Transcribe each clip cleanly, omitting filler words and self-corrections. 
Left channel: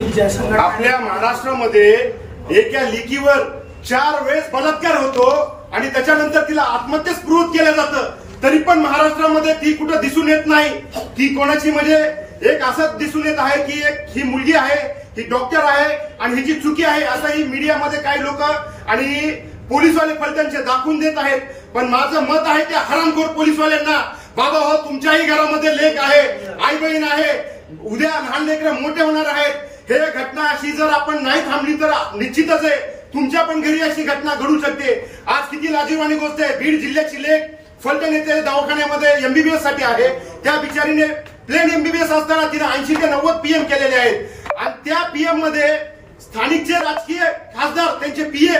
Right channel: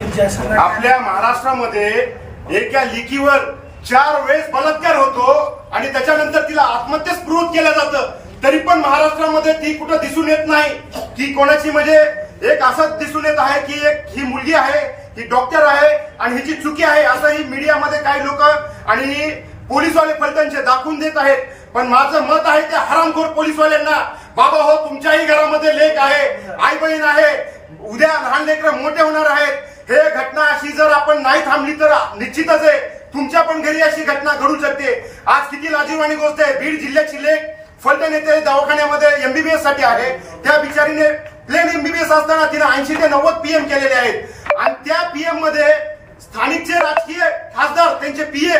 आपल्या महाराष्ट्रामध्ये एका लेकीवर 4 वेळेस बलात्कार होतो आणि त्याच्यानंतर तिला आत्महत्येस प्रवृत्त केलं जातं, तरी पण महाराष्ट्रामध्ये ती कुठं दिसून येत नाही. ती कोणाची म्हणजे एक असं दिसून येत आहे की एक ही मुलगी आहे, ही डॉक्टर आहे आणि हिची चुकी आहे असंही मीडियामध्ये काही लोक आणि पोलीसवाले फलटणचे दाखवून देत आहेत. पण माझं मत आहे त्या हरामखोर पोलीसवाल्यांना, बाबा हो, तुमच्याही घरामध्ये लेक आहे, आई बहीण आहे, उद्या लहान लेकरं मोठे होणार आहेत. हे घटना अशी जर आपण नाही थांबली तर निश्चितच आहे तुमच्या पण घरी अशी घटना घडू शकते. आज किती लाजिरवाणी गोष्ट आहे, बीड जिल्ह्याची लेक फलटण येथे दवाखान्यामध्ये एमबीबीएस साठी आहे. त्या बिचारीने प्लेन एमबीबीएस असताना तिने 80 ते 90 पीएम केलेले आहेत आणि त्या पीएम मध्ये स्थानिकचे राजकीय खासदार, त्यांचे पीए,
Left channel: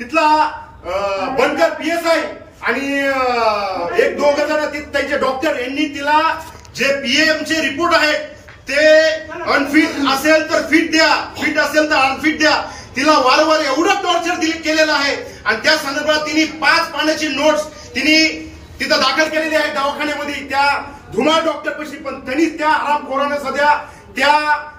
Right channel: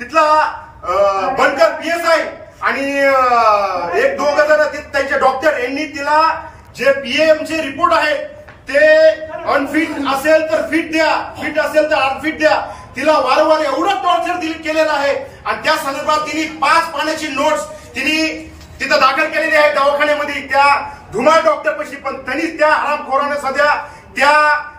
तिथला बनकर पीएसआय आणि एक दोघ जण त्यांचे डॉक्टर यांनी तिला जे पीएमचे रिपोर्ट आहेत ते अनफिट असेल तर फिट द्या, फिट असेल तर अनफिट द्या, तिला वारंवार एवढं टॉर्चर केलेलं आहे. आणि त्या संदर्भात तिने 5 पानाची नोट्स तिने तिथं दाखल केलेली आहे दवाखान्यामध्ये त्या धुमाळ डॉक्टर पशी. पण त्यांनी त्या हरामखोराने सध्या त्या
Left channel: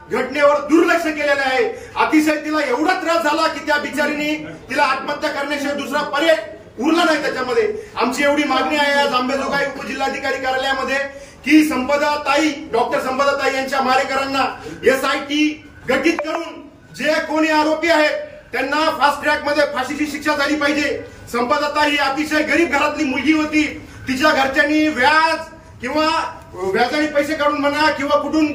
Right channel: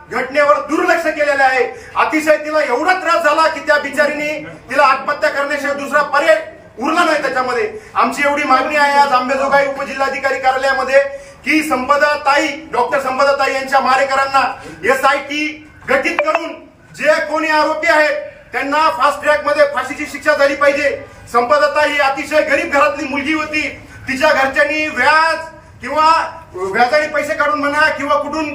घटनेवर दुर्लक्ष केलेलं आहे. अतिशय तिला एवढा त्रास झाला की त्या बिचारीने तिला आत्महत्या करण्याशिवाय दुसरा पर्याय उरला नाही त्याच्यामध्ये. आमची एवढी मागणी आहे आज अंबेजोगाई उपजिल्हाधिकारी कार्यालयामध्ये की संपदाताई, डॉक्टर संपदाताई यांच्या मारेकरांना एसआयटी गठीत करून जे कोणी आरोपी आहेत त्यांना फास्ट ट्रॅक मध्ये फाशीची शिक्षा झाली पाहिजे. संपदाताई ही अतिशय गरीब घरातली मुलगी होती. तिच्या घरच्यांनी व्याज किंवा व्याजाने पैसे काढून म्हणा किंवा कुठून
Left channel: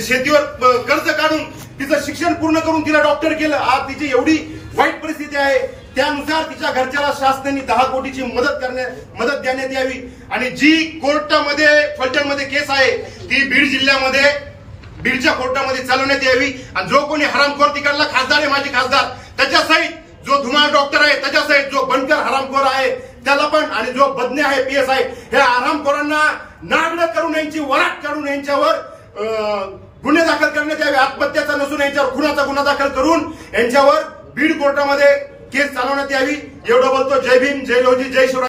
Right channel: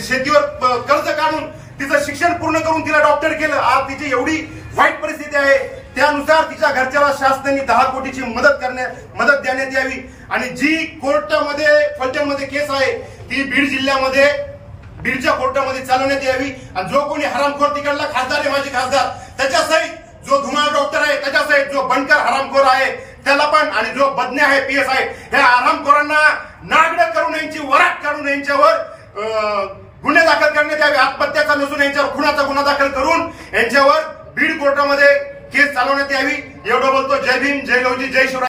शेतीवर कर्ज काढून तिचं शिक्षण पूर्ण करून तिला डॉक्टर केलं. आज तिची एवढी वाईट परिस्थिती आहे, त्यानुसार तिच्या घरच्याला शासनाने 10 कोटीची मदत देण्यात यावी. आणि जी कोर्टामध्ये फलटणमध्ये केस आहे ती बीड जिल्ह्यामध्ये बीडच्या कोर्टामध्ये चालवण्यात यावी. आणि जो कोणी हरामखोर तिकडला खासदार आहे, माजी खासदार, त्याच्यासहित जो धुमाळ डॉक्टर आहे, त्याच्यासहित जो बनकर हरामखोर आहे त्याला पण, आणि जो बदने आहे पीएसआय, हे हरामखोरांना नागडं करून यांची वराट काढून यांच्यावर गुन्हे दाखल करण्यात यावे. आत्महत्याचा नसून यांच्यावर खुनाचा गुन्हा दाखल करून यांच्यावर बीड कोर्टामध्ये केस चालवण्यात यावी. एवढं बोलतो. जय भीम, जय लवजी, जय शिवराय.